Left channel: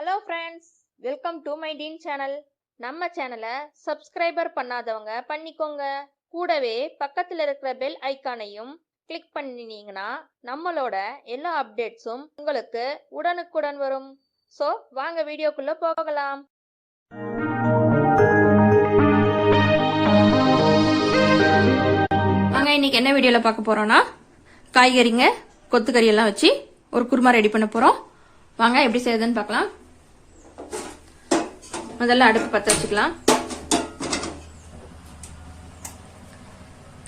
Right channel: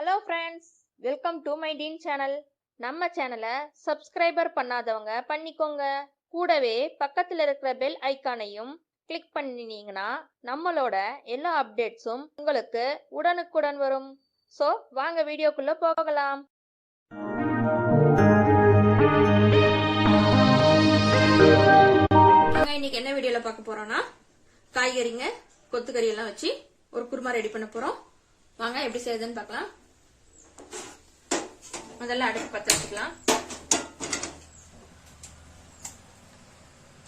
Hello friends, welcome to my dean channel. நம்ம சேனலை subscriber பண்ணாதவங்க பண்ணிக்கோங்க. கூடவே பக்கத்தில் இருக்கிற பெல் ஐக்கானையும் கிளிக் பண்ணினீங்கன்னா நம்மளோட எல்லா அப்டேட்ஸும் உங்களுக்கு உடனுக்குடன் வரும். ஸோ வாங்க வீடியோக்குள்ள போகலாம். நாங்கள் இன்னைக்கு என்ன வீடியோவில் பார்க்க போறோம்னா, காய்கறிங்க கொத்துக்கறி எல்லாம் வச்சு ஒரு குருமா ரெடி பண்ண போறோம். வாங்க எப்படி செய்யுதுன்னு பார்க்கலாம். முதல்ல அடுப்பு பற்ற வச்சுக்கலாம்.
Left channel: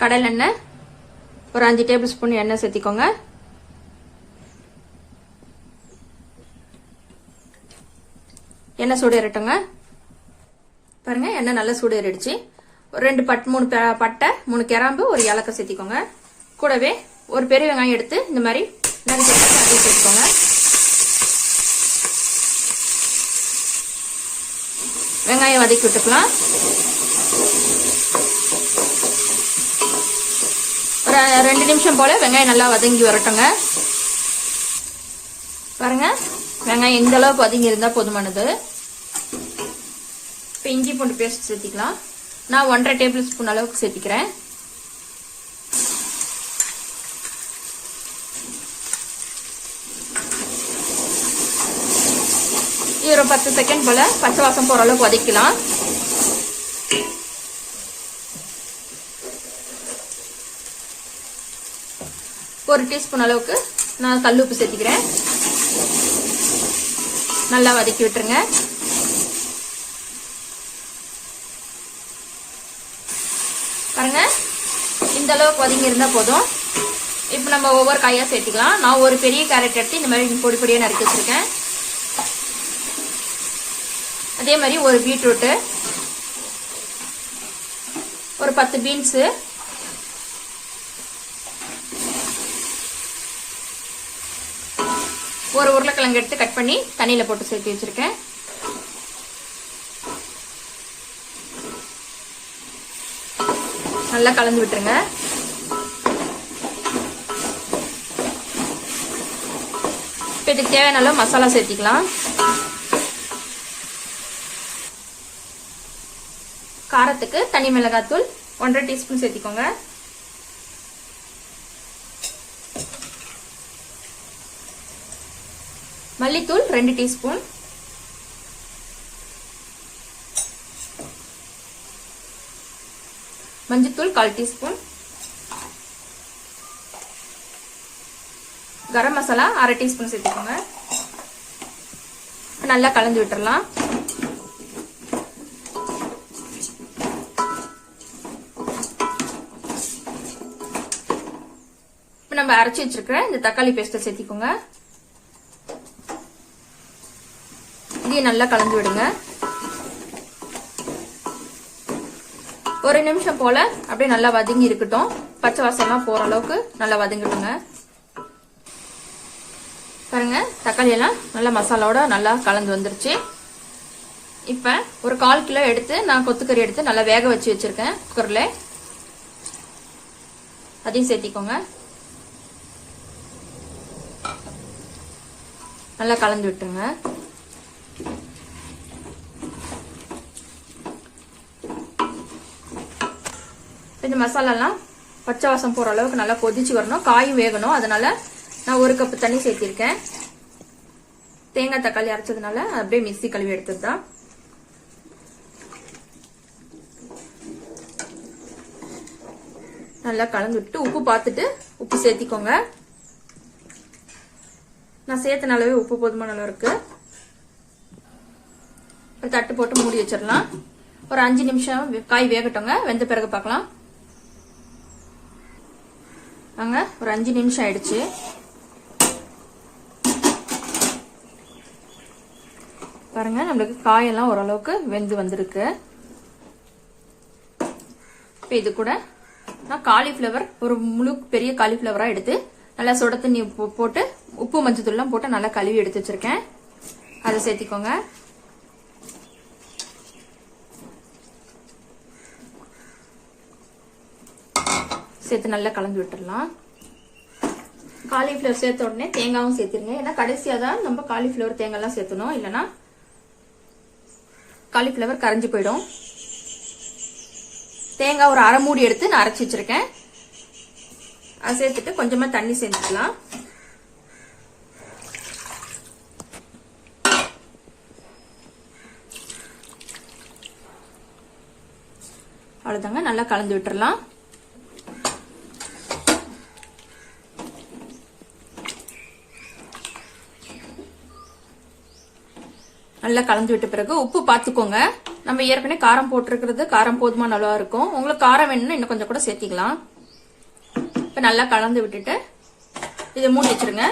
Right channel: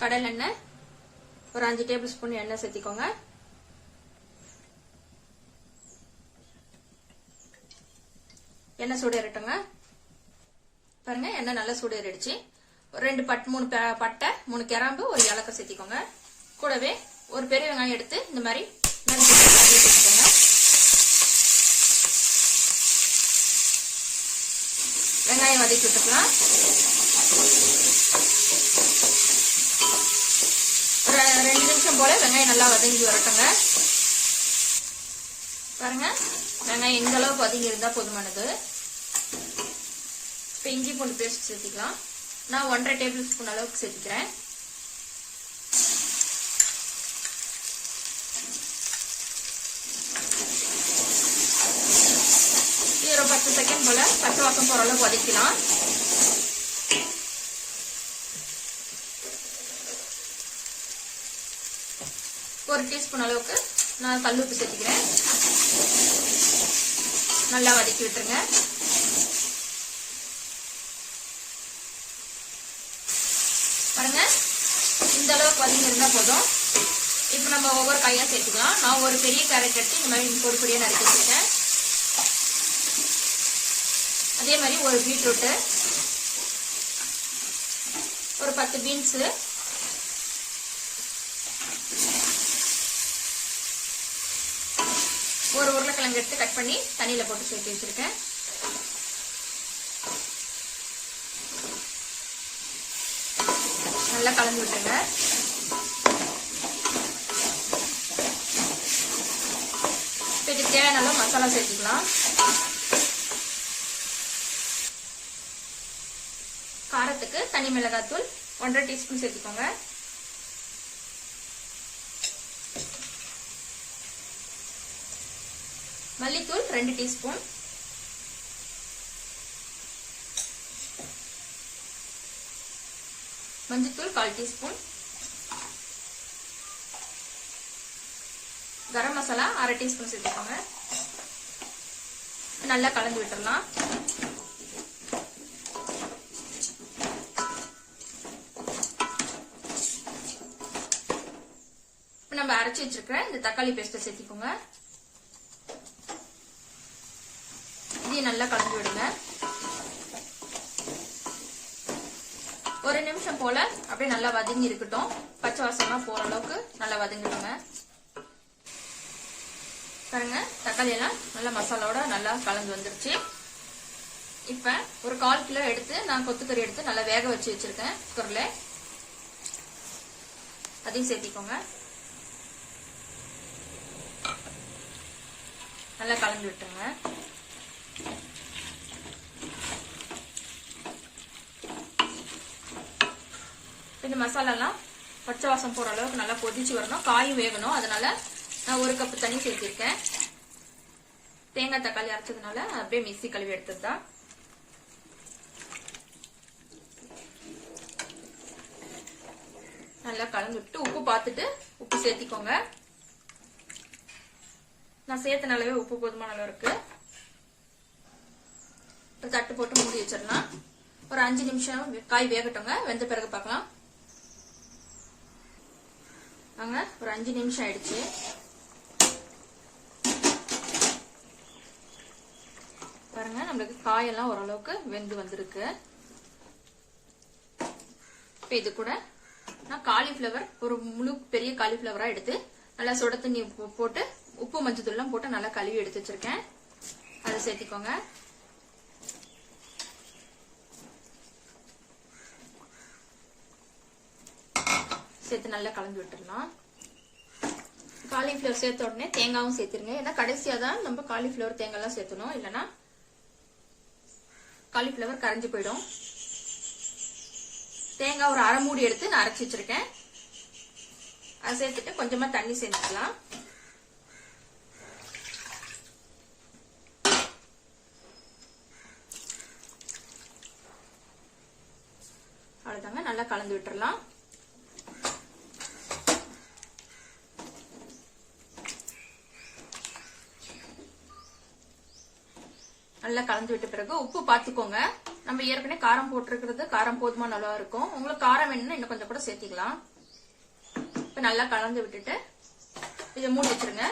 கடல் எண்ணெய் ஒரு 5 டேபிள் ஸ்பூன் எண்ணெய் சேர்த்திக்கோங்க. எண்ணெய் சூடு ஏறட்டுங்க. பாருங்க, எண்ணெய் நல்லா சூடு ஏறிடுச்சு. ஒரு 2 3 பட்டை, 3 கிராம்பு, ஒரு ஏலக்காய் சேர்த்திக்கோங்க. கூடவே ஒரு பெரிய வெங்காயம் எடுத்து இந்த மாதிரி நறுக்கி அதை சேர்த்துக்கோங்க. வெங்காயம் வதக்கி விட்டுக்கலாம். ஒரு 2 நிமிஷம் போல வெங்காயம் நல்லா வதங்கி வரட்டுங்க. பாருங்க, வெங்காயம் இந்த அளவுக்கு வதங்கி இருந்தா போதுமானது. இப்ப இஞ்சி பூண்டு பேஸ்ட் சேர்த்திக்கலாம். நான் 1.5 டேபிள் ஸ்பூன் அளவுக்கு சேர்த்திக்கிறேன். இது ஒரு 10 செகண்ட் போல பச்சை வாசம் போற அளவுக்கு வதக்கலாம். ஒரு டீஸ்பூன் அளவுக்கு நான் கல் உப்பு சேர்த்திக்கிறேன். நல்லா வதக்கி விட்டுருங்க. பாருங்க, இந்த அளவுக்கு வதங்கி இருந்தா போதும். இப்ப நம்ம ஒவ்வொரு காயா சேர்த்துக்கலாம். நான் ஒரு பெரிய கேரட் எடுத்து இந்த மாதிரி பொடி பொடியா நறுக்கி வச்சிருக்கேன். அதே மாதிரி ஒரு பீட்ரூட், ஒரு 10 பீன்ஸ், ஒரு உருளைக்கிழங்கு எடுத்து கட் பண்ணி தண்ணியில போட்டு சேர்த்து வச்சிருக்கேன். நல்லா கலந்து விட்டுருங்க. இப்ப இதுக்கு தேவையான மசாலா சேர்த்திக்கலாம். காரத்துக்கு தனி மிளகாத்தூள் 1.5 டீஸ்பூன் சேர்த்திக்கோங்க. மல்லித்தூள் 2 டீஸ்பூன், மஞ்சத்தூள் 1/4 டீஸ்பூன், கரம் மசாலா 1/2 டீஸ்பூன் சேர்த்துக்கோங்க. நல்லா கலந்து விட்டுறலாம். நம்ம அரைச்சி வச்சிருக்கிற இந்த தக்காளி பேஸ்ட சேர்த்திக்கோங்க. இதையும் நல்லா கலந்து விடுங்க. ஒரு நிமிஷம் போல அப்படியே நல்லா வதங்கி இருக்கட்டும். பச்சை வாசம் எல்லாம் போற அளவுக்கு நல்லா வதங்கிடுங்க. பாருங்க, தக்காளி எல்லாம் நல்லா மசாலாவோட நல்லா கலந்து வந்துருச்சு. இப்ப ஒரு 1/4 கிலோ எடுத்து நான் கொத்துக்கறி எடுத்து நல்லா வேக வச்சு வச்சிருக்கேன் குக்கர்ல. அதையும் சேர்த்திக்கோங்க. நல்லா கலந்து விட்டுருங்க. இந்த மசாலாலாம் பச்சை வாசம் போற அளவுக்கு நல்லா கொதிச்சு வரணும். காயும் வேகணும். அதனால நான் 1 கப் தண்ணி சேர்த்திருக்கேன். தேங்காய் தக்காளி அரைச்சதுனால அப்படியே மிக்ஸி கழுவி எடுத்ததுதான். நல்லா கலந்து விட்டு உப்பு பார்த்துட்டு உப்பு சேர்த்திக்கோங்க. நான் சேர்த்தன அளவே உப்பு போதுமான அளவு இருக்கு. ஒரு தட்டு போட்டு மூடி வச்சிடலாம். ஒரு 5 நிமிஷம் காய் வேகட்டுங்க. வெந்த பிறகு பார்க்கலாம். வாங்க, ஒரு 5 நிமிஷம் ஆயிடுச்சு. பாருங்க, நம்மளுக்கு காயெல்லாம் ஓரளவுக்கு வெந்து வந்திருக்கு. இப்ப இது கூட நான் காலிஃபிளவர், ஒரு முழு பெரிய காலிஃபிளவரா எடுத்து நல்லா சுட தண்ணி போட்டு உப்பு மஞ்சத்தூள் எல்லாம் போட்டு நல்லா கழுவி எடுத்து வச்சிருக்கேன். அதை சேர்த்திக்கோங்க. சேர்த்து நல்லா கலந்து விட்டுடலாம். காலிஃபிளவர் சேர்த்த உடனே தேங்காயும் சேர்த்துருங்க. ஏன்னா கடைசியா தான் நம்ம காலிஃபிளவர் தேங்காய்லாம் சேர்த்தணும், இல்லைன்னா காலிஃபிளவர் கரைஞ்சு போயிடும். தேங்காய் ஒரு அரை மூடி எடுத்து நான் அரைச்சி வச்சிருக்கேன். அதை சேர்த்துட்டு கொஞ்சமா தண்ணி சேர்த்துக்கலாம். அவ்வளவுதாங்க, நல்லா கலந்து விட்டுறலாம். நல்லா கலந்து விட்ட பிறகு உப்பு பார்த்துக்கோங்க. நம்ம ஏற்கனவே காரம் போட்டிருக்கிறது காரம் போதுமா நல்லா இருக்கும். உங்களுக்கு காரம் வேணும்னா இன்னும் கொஞ்சம் கூட சேர்த்திக்கலாம். இப்ப நல்லா கலந்து விட்டுட்டு இதை மூடி வச்சிருங்க.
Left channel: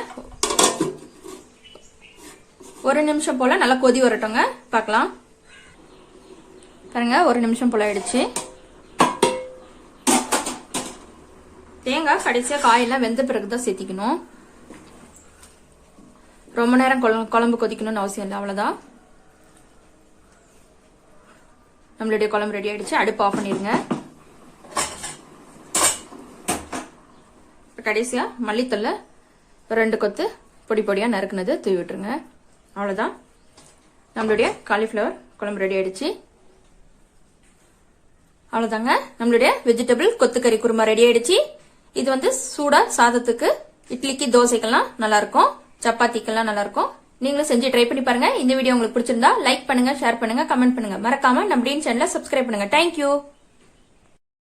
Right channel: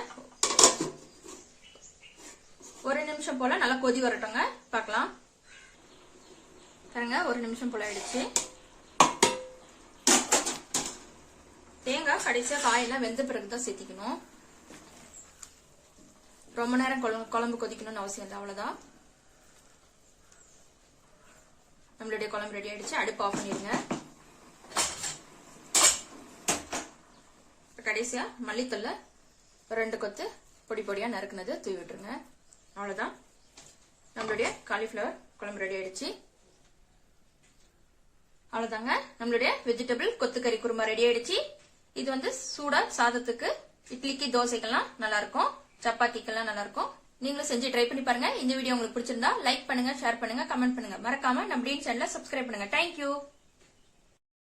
ஒரு நிமிஷம் போல நல்லா கொதி வரட்டுங்க, பார்க்கலாம். பாருங்க, ஒரு நிமிஷம் போல ஆயிடுச்சு. தேங்காய் கடைசியா காயெல்லாம் வெந்த பிறகுதான் சேர்த்திக்கணும். ரொம்ப நேரம் குழம்பு கொதிக்கணும்னு அவசியம் இல்லை, அவ்வளவுதான். நம்மளுடைய குழம்பு ரெடி ஆயிடுச்சு. அடுப்பு ஆஃப் பண்ணிருங்க. கடைசியா மல்லித்தூள்ல 2 கொத்து பொடி பொடியா நறுக்குனது தூவி விட்டுருங்க. அவ்வளவுதான், நம்மளுடைய காலிஃபிளவர் குழம்பு ரெடி ஆயிடுச்சு. அவ்வளவுதாங்க, நம்மளுடைய வெஜிடபிள் கொத்துக்கறி குருமா ரெடி ஆயிடுச்சு. இது வந்து சூடா சாதத்துக்கு, இட்லிக்கு, தோசைக்கெல்லாம் நல்லா இருக்கும், சப்பாத்திக்கெல்லாம் நல்லா இருக்கும். நீங்களும் செஞ்சு ட்ரை பண்ணி பாருங்க. இந்த வீடியோ உங்களுக்கு பிடிச்சிருந்தா லைக் பண்ணுங்க, ஷேர் பண்ணுங்க, கமெண்ட் பண்ணுங்க. மறக்காம நம்ம டீன் சேனலை சப்ஸ்கிரைப் பண்ணுங்க. தேங்க்யூ.